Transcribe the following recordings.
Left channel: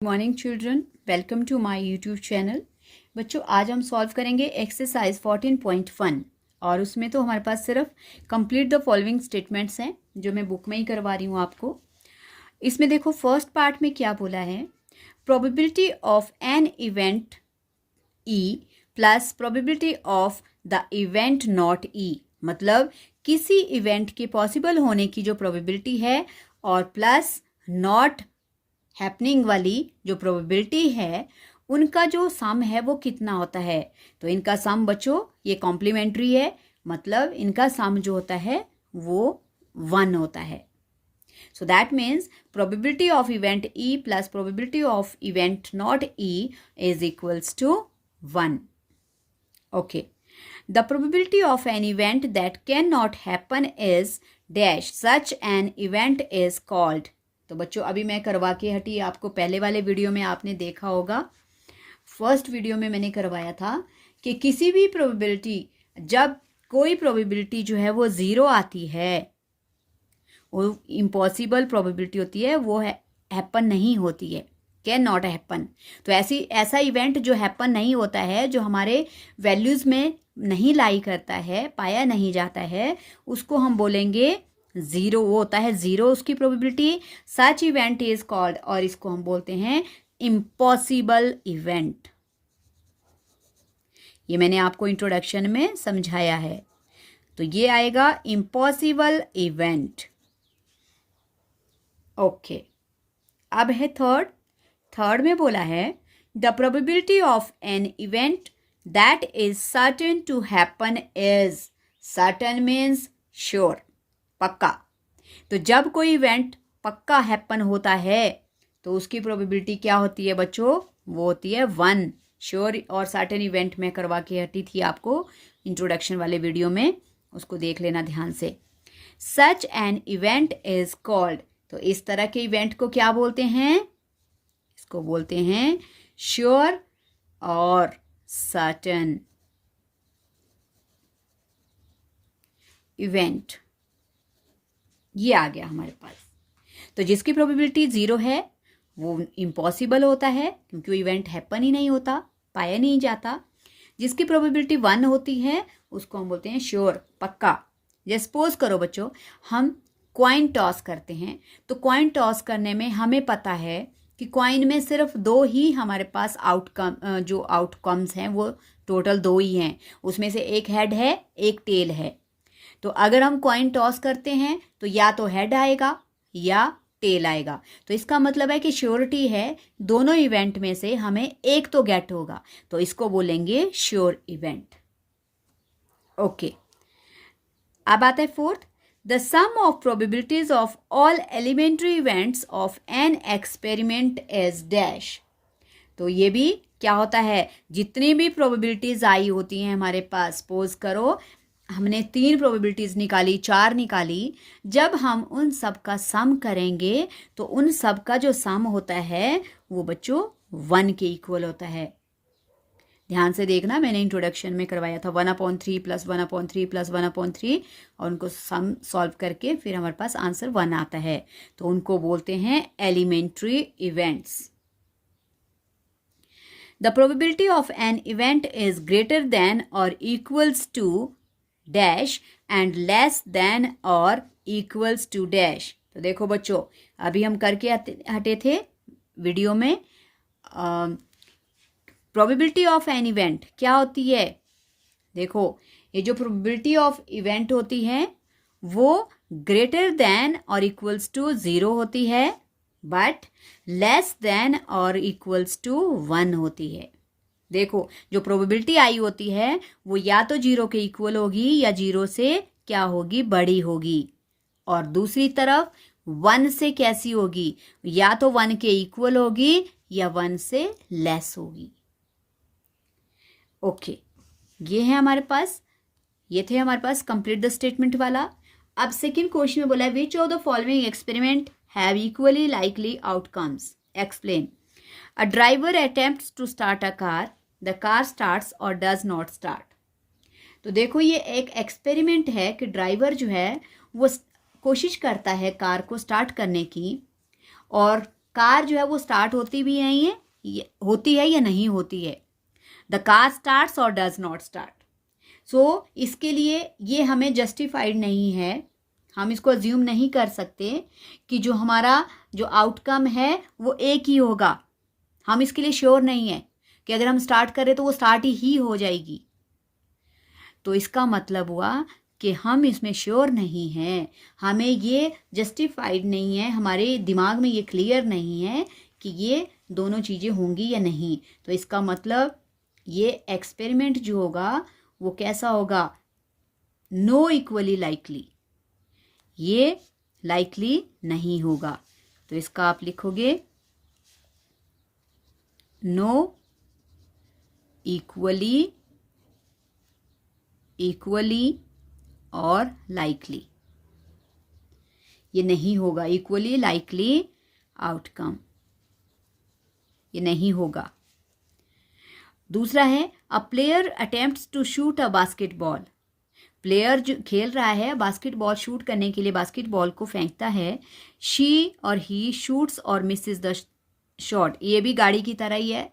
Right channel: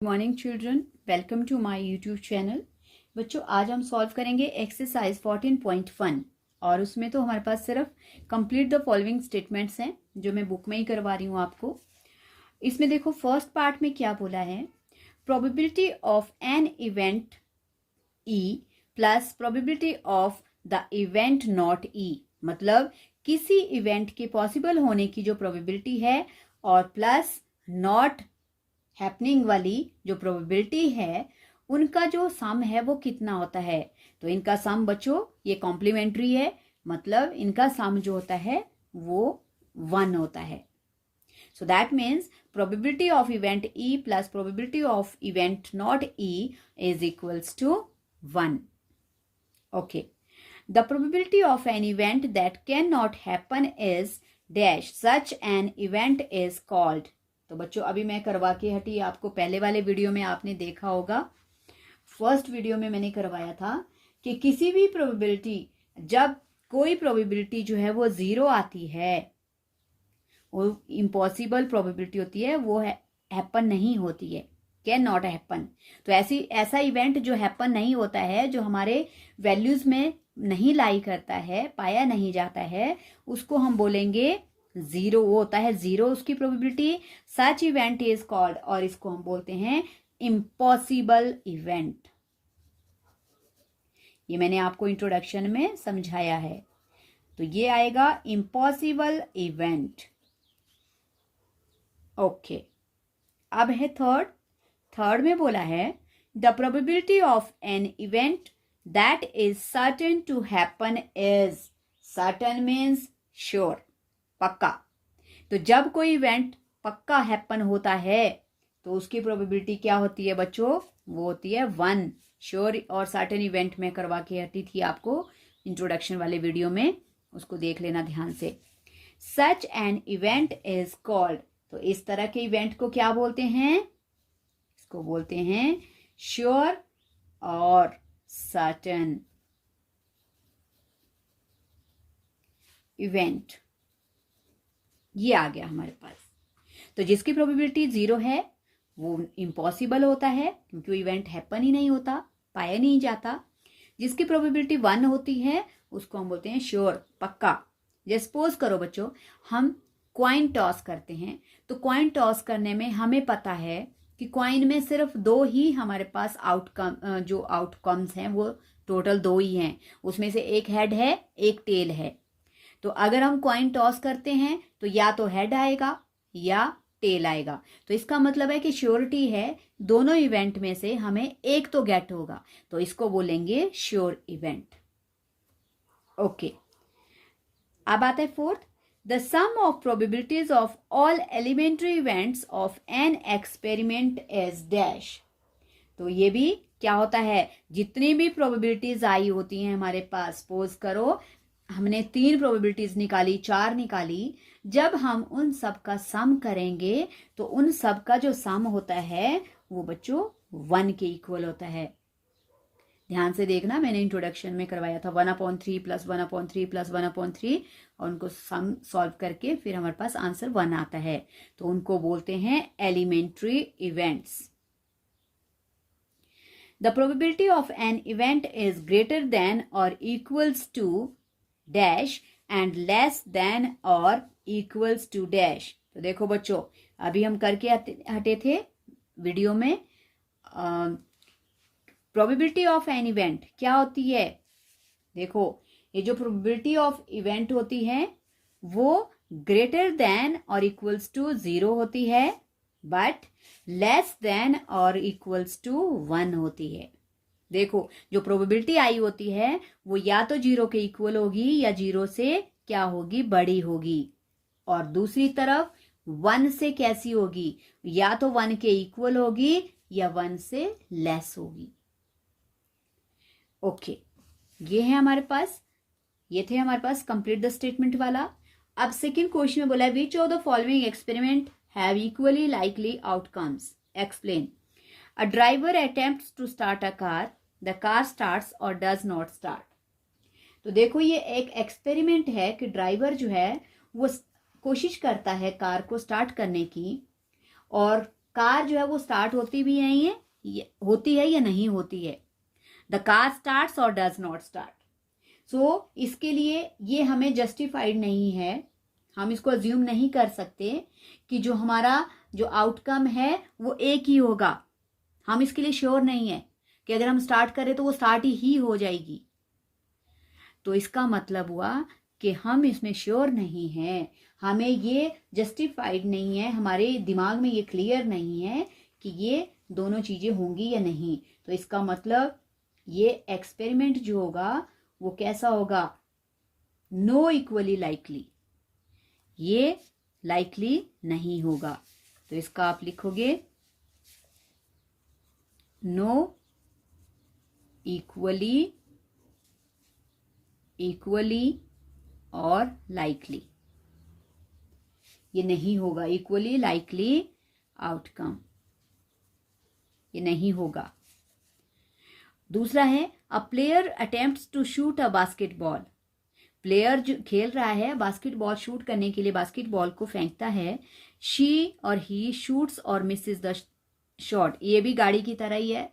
Morning children, welcome to my YouTube channel. बच्चों, आज हम सॉल्व करेंगे एक्सरसाइज 14.1 और उसमें तो हमारे पास सिर्फ कंप्लीट द फॉलोइंग स्टेटमेंट्स हैं जो मैं बुक में ही करवा रही हूँ आपको। इसमें देखो फर्स्ट पार्ट में क्या बोला है, probability of an event E plus probability of the event not E, मतलब किसी इवेंट के पॉसिबल होने की जो प्रोबेबिलिटी है और प्लस नॉट हैपनिंग वाली जो प्रोबेबिलिटी है उनका जो सम है वो कितना होता है। तो इनका सम बच्चों ये कॉम्प्लीमेंट्री है, मतलब इनका सम जो होता है वो 1 होता है। So that means probability of event E plus probability of event not E is equals to 1। Okay, the probability of an event that can not happen is dash, such an event is called. तो बच्चों अभी मैं करवा के हटी, आपको पहले वाले वीडियो में आपने देखा होगा, फर्स्ट वीडियो में मैंने करवाया था कि किसी भी प्रोबेबिलिटी, जब कोई प्रोबेबिलिटी जो है वो 0 आती है, वो इम्पॉसिबल प्रोबेबिलिटी होती है, वो हैपन नहीं होती है, कैन नॉट हैपन। तो ऐसा इवेंट जो हैपन नहीं होता है, जो हमारे वैल्यूज में नहीं लाई करता है, पाया नहीं जाता है, उसको हम बोलेंगे 0। वो होता है 0 उसकी probability. Such event is called, और इसको हम बोलते हैं इम्पॉसिबल इवेंट। ये मैंने आपको इंट्रोडक्शन में समझाया है। तो ये आएगा इम्पॉसिबल इवेंट। ओके, अब है थर्ड में बोला है the probability of an event that is certain to happen is, certain means sure, पक्का। तो जब कोई इवेंट पक्का हैपन होता है तो उसकी प्रोबेबिलिटी क्या होती है बच्चों, वो होती है 1। श्योर और सर्टेन इवेंट में करवा के हटी थी आपको इंट्रोडक्शन वाले वीडियो में, उसको देख लेना ध्यान से। सच एन इवेंट इज कॉल्ड, तो इस तरह के इवेंट को क्या बोलते हैं, इसको बोलते हैं श्योर और सर्टेन इवेंट। ये आ गया हमारे पास। तो जिसकी प्रोबेबिलिटी 0 है वो इम्पॉसिबल होता है, क्योंकि वो इवेंट हैपन ही नहीं होता, पाया नहीं जाता। जिसकी प्रोबेबिलिटी 1 होती है उसको हम बोलते हैं श्योर, पक्का। जैसे सपोज करो बच्चों, हम क्वाइन टॉस करते हैं, तो क्वाइन टॉस करने में हमें पता है कि क्वाइन में सिर्फ 2 ही हमारे पास जो आउटकम्स हैं वो टोटल 2 ही हैं, उसमें से एक हेड है एक टेल है। तो अगर हम कॉइन टॉस करते हैं तो या तो हेड आएगा या टेल आएगा। तो इसका मतलब है कि श्योरिटी है दोनों इवेंट में से हमें एक तो गेट होगा, तो इसको बोलेंगे श्योर इवेंट। ओके, अब आता है fourth, the sum of probabilities of all elementary events of an experiment is dash. तो ये भी क्या होता है, जितनी भी प्रोबेबिलिटीज आई होती हैं हमारे पास, सपोज करो हमने 3 प्रोबेबिलिटीज निकाली, 4 निकाली, जब हम उन सब का सम करेंगे तो उन सब का जो सम होता है वो बच्चों 1 के इक्वल होता है। ध्यान से देखना, मैंने इंट्रोडक्शन में करवाया था 1/3 प्लस 1/3 प्लस 1/3, और उनको सम सॉल्व करके फिर हमारे पास आंसर 1 आता है। तो उनको बोलते हैं elementary events. The probability of an event is greater than और equals to dash and less than और इक्वल्स टू डैश। तो देखो बच्चों, अभी हम करके हटे थे वीडियो में, प्रोबेबिलिटी ऑफ एन इवेंट क्या होती है। देखो, ये जो प्रोबेबिलिटी ऑफ इवेंट होती है वो ग्रेटर देन और इक्वल्स टू 0 होती है, बट लेस देन और इक्वल्स टू 1 होती है। देखो, जो प्रोबेबिलिटी आई होती है वो या तो 0 के इक्वल होगी या 0 से क्या होगी, बड़ी होगी। और दूसरी तरफ 1 से कैसी होगी, या तो 1 के इक्वल होगी या 1 से लेस होगी। ओके, ये है हमारे पास, ये थे हमारे पास कंप्लीट द स्टेटमेंट वाला। अब सेकंड क्वेश्चन में बोला है which of the following experiment have equally likely outcomes, explain. A driver attempts to start a car. The car starts or does not start. तो देखो, ये एक एक्सपेरिमेंट है कि ड्राइवर जो है वो कोशिश करता है कार को स्टार्ट करने की, और कार जो है वो स्टार्ट होती भी है होती है या नहीं होती है। द कार स्टार्ट्स और डज नॉट स्टार्ट। सो इसके लिए ये हमें जस्टिफाइड नहीं है, हम इसको अज्यूम नहीं कर सकते कि जो हमारा जो आउटकम है वो एक ही होगा। हम इसके लिए श्योर नहीं है कि अगर हम स्टार्ट करें तो वो स्टार्ट ही हो जाएगी। तो इसका मतलब हुआ कि हम इसमें श्योर नहीं हैं, हमें ये जस्टिफाइड नहीं है, हमारे दिमाग में ये क्लियर नहीं है कि ये दोनों चीज़ें होंगी या नहीं। तो इसका मतलब ये एक्सपेरिमेंट जो होगा वो कैसा होगा, नो इक्वली लाइकली, ये लाइकली नहीं होगा। तो इसका आप लिखोगे नो इक्वली और लाइकली, ये नहीं होगा। इक्वली लाइकली आउटकम, ये नहीं होगा। दूसरा है a player attempts to shoot a basketball. Player जो खेल रहा है बास्केटबॉल शूट करने के लिए बास्केटबॉल को फेंकता है। शी और ही शूट्स और मिसेस द शॉट। ये भी गाड़ी की तरह ही है।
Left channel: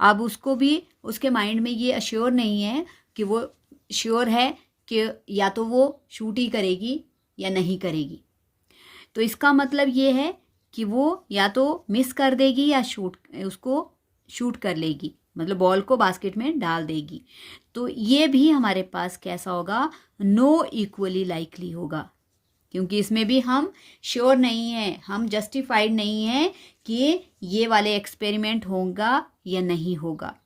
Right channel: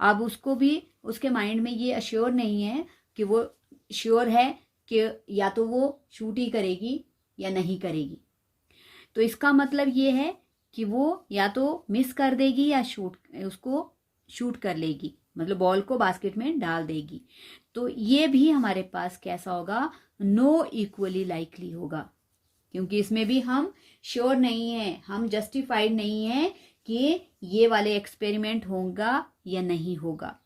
अब उसको भी उसके माइंड में ये अश्योर नहीं है कि वो श्योर है कि या तो वो शूट ही करेगी या नहीं करेगी। तो इसका मतलब ये है कि वो या तो मिस कर देगी या उसको शूट कर लेगी, मतलब बॉल को बास्केट में डाल देगी। तो ये भी हमारे पास कैसा होगा, नो इक्वली लाइकली होगा, क्योंकि इसमें भी हम श्योर नहीं है, हम जस्टिफाइड नहीं है कि ये वाले एक्सपेरिमेंट होगा या नहीं होगा।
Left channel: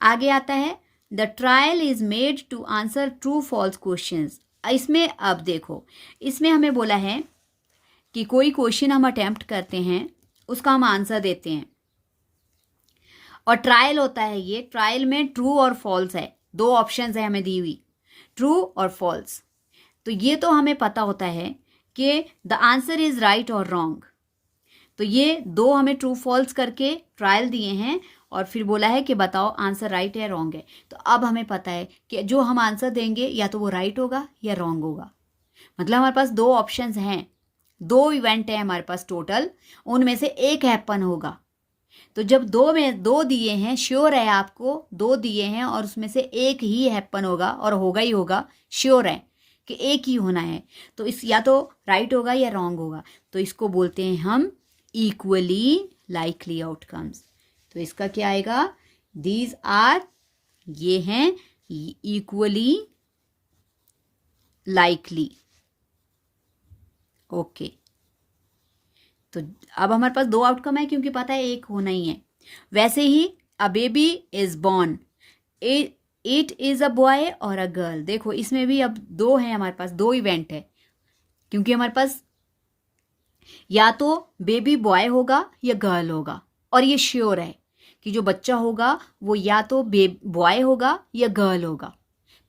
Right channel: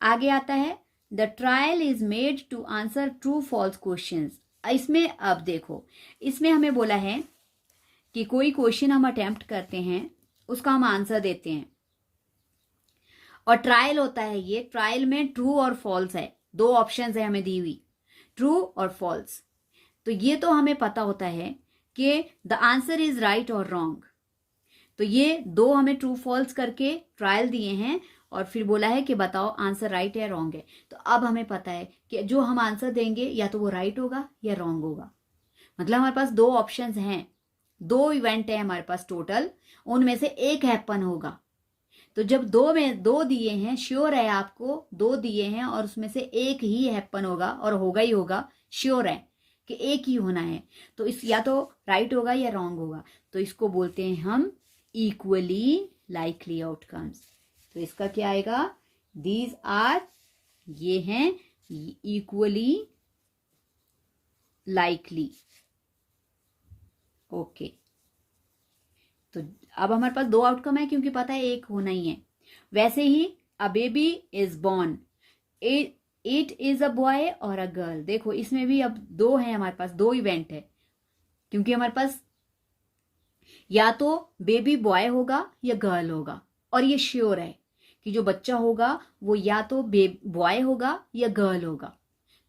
आगे आता है the trial is made to answer true false questions. इसमें अब देखो, इसमें हमें बोला है कि कोई क्वेश्चन हम अटेम्प्ट करते हैं, उसका हम आंसर देते हैं, और ट्रायल होता है। ये ट्रायल में ट्रू और फॉल्स है, दो ऑप्शंस है हमें दी हुई, ट्रू और फॉल्स। तो ये तो हमें पता होता है कि द आंसर इज राइट और रॉन्ग। तो ये दो हमें ट्रू फॉल्स करके ट्रायल दिए हैं और फिर बोला है कि बताओ आंसर राइट है रॉन्ग है। तो अब हमें पता है कि जो हम आंसर देंगे या तो वो राइट होगा या रॉन्ग होगा। मतलब हमारे पास दो ऑप्शंस हैं, दो इवेंट है हमारे पास टोटल, उनमें से एक हैपन होगा। तो जब दो में दो दिए हैं, श्योर है आपको दो दिए हैं और उसमें से एक ही हैपन होगा और होगा ही होगा, श्योर है कि एक ही होना है, तो इस या तो राइट होगा या रॉन्ग होगा। तो इसको बोलते हैं हम इक्वली लाइकली आउटकम्स। तो इसका क्या आएगा, दीज आर, ये हैं इक्वली लाइकली। ओके, तो अब हमारे पास दो आउटकम है क्योंकि पता है एक होना ही है। वैसे ही a baby is born, it is a boy और अ गर्ल। देखो इसमें भी अब दो है हमारे पास, दो इवेंट है, क्योंकि हमारे पास या तो बेबी बॉय होगा या गर्ल होगा, और ये श्योर है कि जो बच्चा होगा वो या तो बॉय होगा या गर्ल होगा।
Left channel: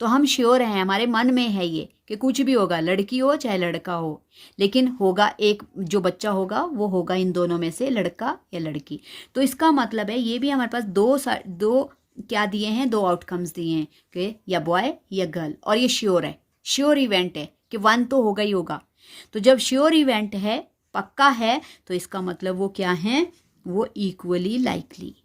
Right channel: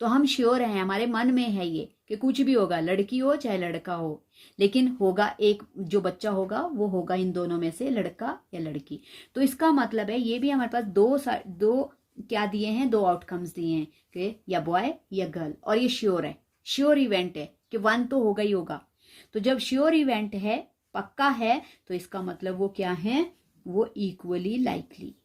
तो हम श्योर हैं, हमारे मन में है ये कि कुछ भी होगा, लड़की हो चाहे लड़का हो, लेकिन होगा एक, जो बच्चा होगा वो होगा इन दोनों में से लड़का या लड़की। तो इसका मतलब है ये भी हमारे पास दो क्या दिए हैं, दो आउटकम्स दिए हैं कि या बॉय या गर्ल, और ये श्योर है, श्योर इवेंट है कि वन तो होगा ही होगा। तो जब श्योर इवेंट है, पक्का है, तो इसका मतलब वो क्या है, वो इक्वली लाइकली।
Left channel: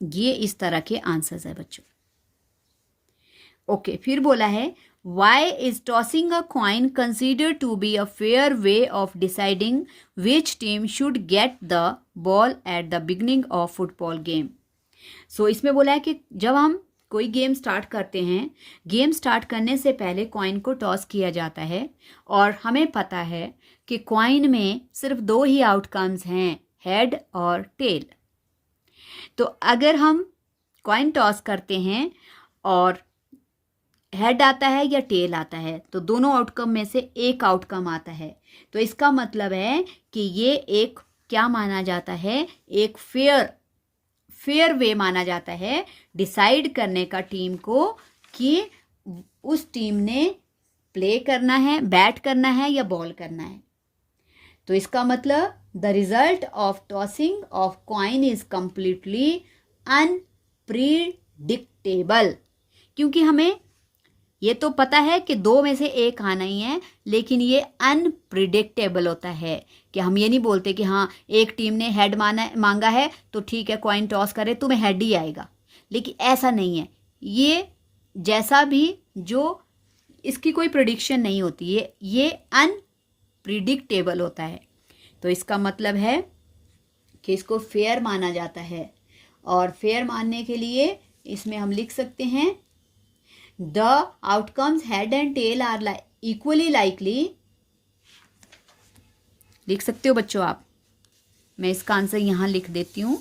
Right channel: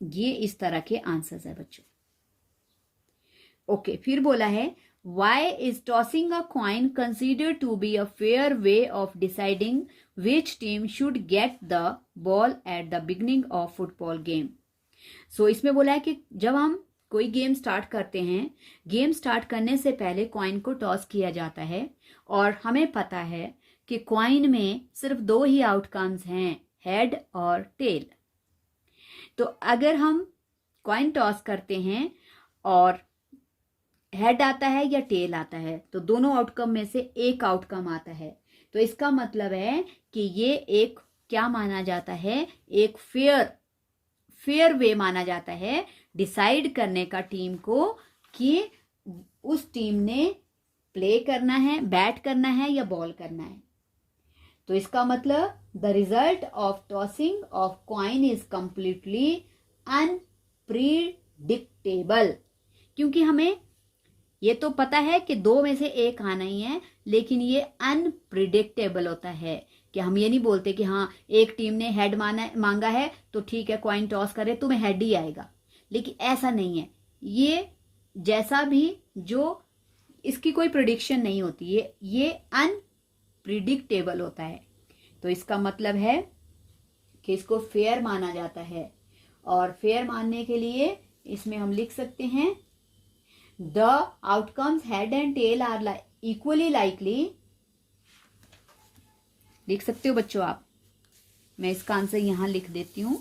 ये इस तरह के आंसर्स है बच्चों। ओके, फिर बोला है why is tossing a coin considered to be a fair way of deciding which team should get the ball at the beginning of football game. So इसमें बोला है कि जब हम कोई गेम स्टार्ट करते हैं, गेम स्टार्ट करने से पहले कॉइन को टॉस किया जाता है, और हमें पता है कि कॉइन में सिर्फ दो ही आउटकम्स हैं, हेड और टेल। तो अगर हम कॉइन टॉस करते हैं और हेड आता है या टेल आता है, तो दोनों आउटकम में से एक आउटकम आता है। तो इसका मतलब है कि ये एक क्या माना जाता है, एक फेयर वे माना जाता है डिसाइड करने का टीम को कि उस टीम ने प्ले करना है, बैट करना है या बॉल करना है। तो इसका मतलब the result of tossing of coin is completely unpredictable, क्योंकि हमें ये तो पता है कि दो में से एक आना ही है, लेकिन ये अनप्रिडिक्टेबल होता है कि हम ये नहीं बोलते कि हाँ एक टीम ने हेड मांगा है तो ठीक है कॉइन टॉस करे तुम्हें हेड ही आएगा, लेकिन ऐसा नहीं है। ये जैसा भी जो इसकी कोई प्रिडिक्शन नहीं होती है, ये अनप्रिडिक्टेबल होता है। तो इसका मतलब है कि इसको फेयर माना जाता है, और फेयर मानने के लिए इसमें हम लिख सकते हैं the outcomes head and tail are equally likely. लिख सकते हो बच्चों आप, मैं इसका आंसर यहां लिख देती हूं।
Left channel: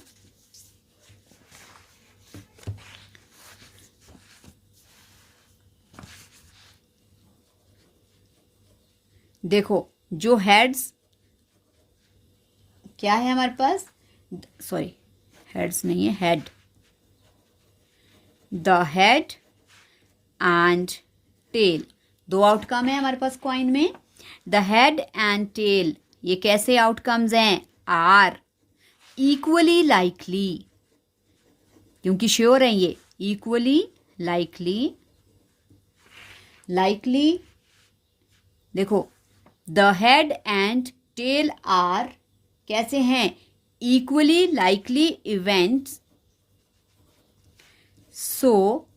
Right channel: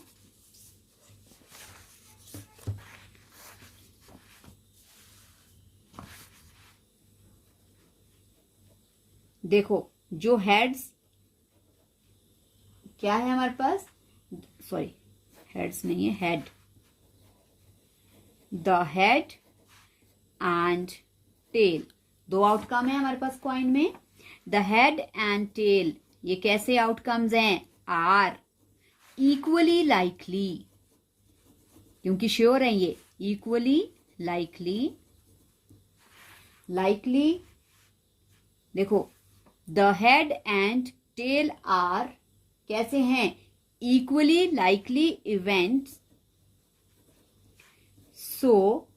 देखो जो हेड्स क्या है हमारे पास, सॉरी हेड्स नहीं है, head, the head and tail, दो आउटकम है हमारे पास कॉइन में। द हेड एंड टेल ये कैसे आउटकम्स हैं, आर इक्वली लाइकली, क्योंकि श्योर है ये, इक्वली लाइकली। लाइकली देखो the head and tail are कैसे हैं, equally likely events, so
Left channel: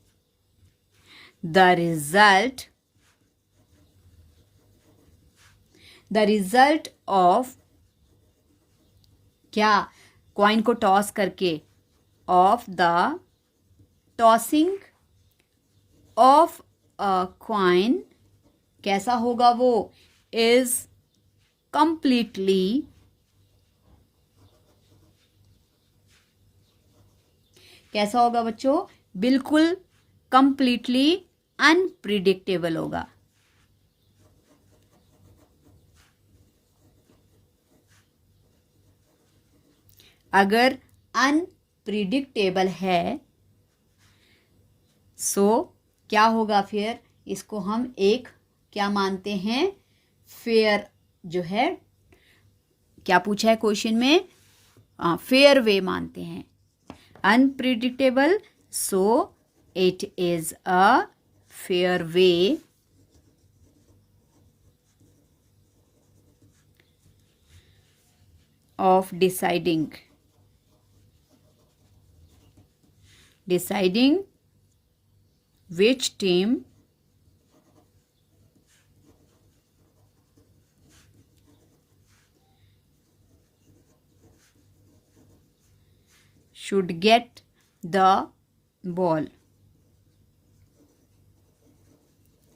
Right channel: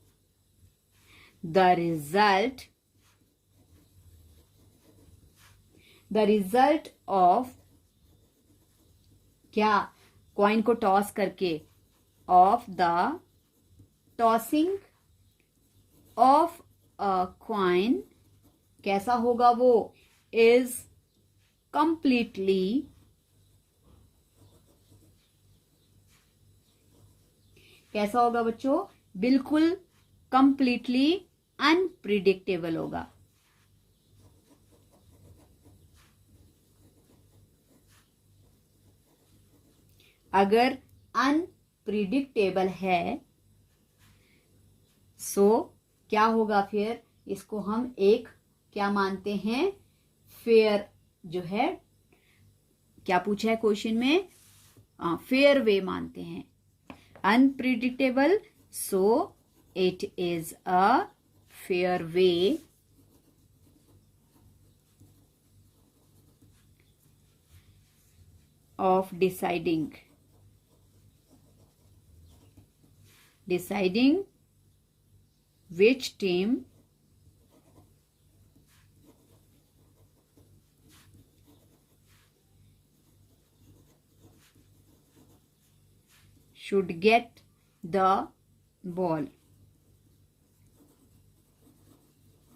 the result of क्या, कॉइन को टॉस करके, of the tossing of a coin कैसा होगा वो, इज कंप्लीटली कैसा होगा बच्चों, बिल्कुल कंप्लीटली अनप्रिडिक्टेबल होगा। अगर अनप्रिडिक्टेबल है सो क्या होगा, फिर इसको हम एक क्या मानते हैं, फेयर, जो है क्या पूछा है क्वेश्चन में, फेयर वे मानते हैं। Unpredictable so it is a fair way of deciding which team should get the ball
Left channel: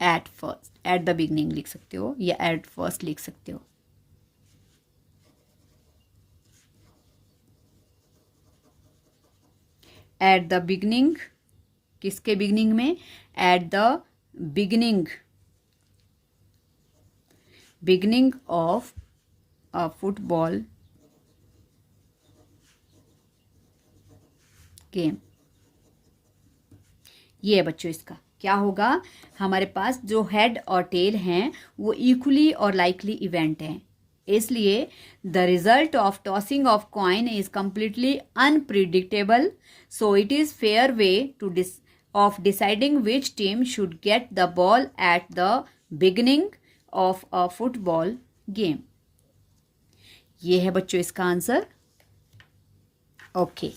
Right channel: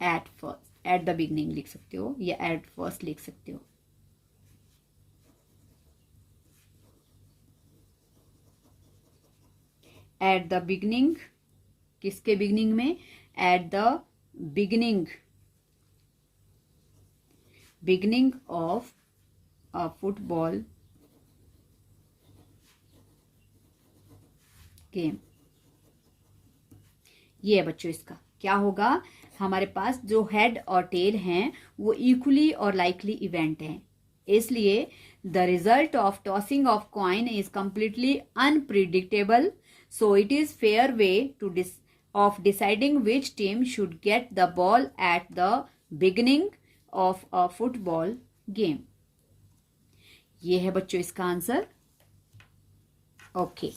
at first, at the beginning लिख सकते हो या at first लिख सकते हो। एट द बिगनिंग, किसके बिगनिंग में, eight the beginning of a football game. ये है बच्चों, इसका क्या होगा, हमारे पास जो हेड और टेल हैं वो इक्वली और लाइकली इवेंट हैं, इसलिए the result of tossing of coin is completely unpredictable, so it is fair way of deciding which team should get the ball at the beginning of a football game। ये है बच्चों इसका answer. Okay,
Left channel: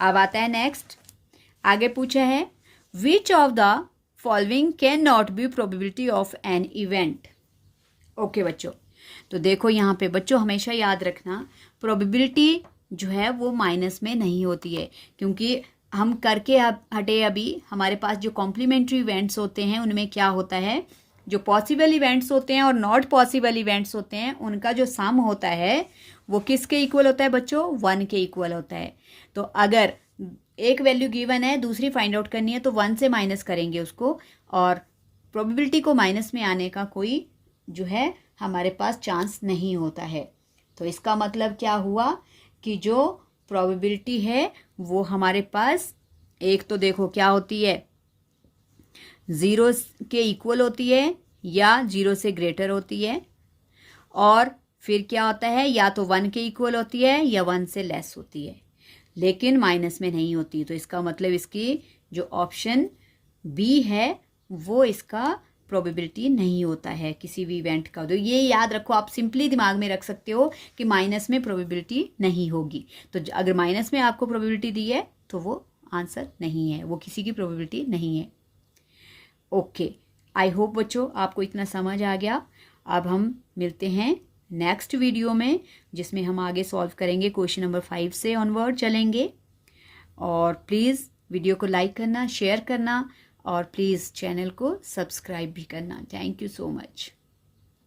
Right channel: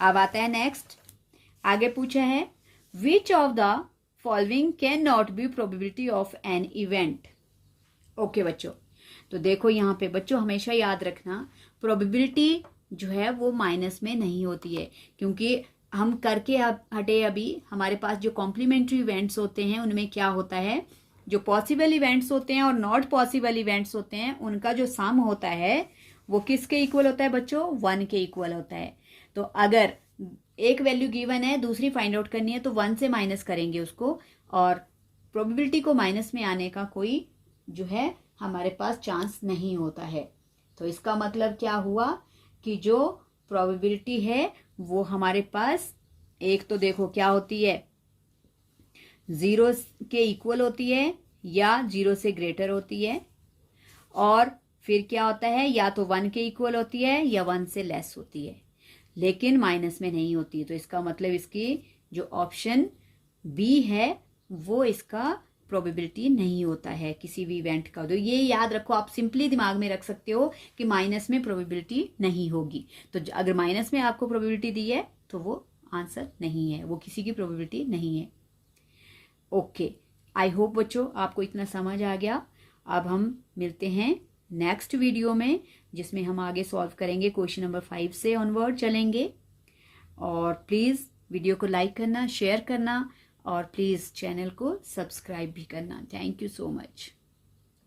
अब आता है next. आगे पूछा है which of the following cannot be probability of an event। Okay बच्चों, तो देखो यहाँ पे बच्चों हमेशा याद रखना प्रोबेबिलिटी जो है वो माइनस में नहीं होती है, क्योंकि हम करके हटे अभी हमारे पास जो कॉम्प्लीमेंट्री इवेंट्स होते हैं उनमें क्या होता है, जो पॉसिबल इवेंट्स होते हैं और नॉट पॉसिबल इवेंट्स होते हैं उनका जो सम होता है वो किसके इक्वल होता है बच्चों, 1 के इक्वल होता है। तो अगर एक वैल्यू गिवन है दूसरी फाइंड आउट करनी है तो 1 से माइनस करेंगे उसको, और प्रोबेबिलिटी को माइनस में आने का कोई जो है हमारे पास चांस नहीं होता है। तो इसका मतलब क्या हुआ कि जो प्रोबेबिलिटी है वो हमारे पास एक तो देखो क्या होती है, 0 के इक्वल होती है या 0 से ग्रेटर होती है, और फिर क्या होता है या तो 1 के इक्वल होती है या 1 से लेस होती है, लेकिन माइनस में नहीं होती। तो इसका मतलब इसकी जो ऑप्शन बी है वो इसका प्रोबेबिलिटी नहीं होता है किसी भी इवेंट का। तो ये याद रखो, आप सिंपली दिमाग में रख सकते हो कि माइनस में प्रोबेबिलिटी नहीं होगी। तो अगर माइनस में आपको प्रोबेबिलिटी दी है तो वो आंसर नहीं है, वो किसी की प्रोबेबिलिटी नहीं है। ओके, आई होप बच्चों आपको इतना समझ आ गया। अब हम मिलते हैं नेक्स्ट वीडियो में, जिसमें हम आगे सॉल्व करेंगे क्वेश्चन नंबर 5 से ऑनवर्ड चलेंगे। और प्लीज़ वीडियो को लाइक करना, शेयर करना और प्लीज़ चैनल को सब्सक्राइब भी करना। Thank you so much.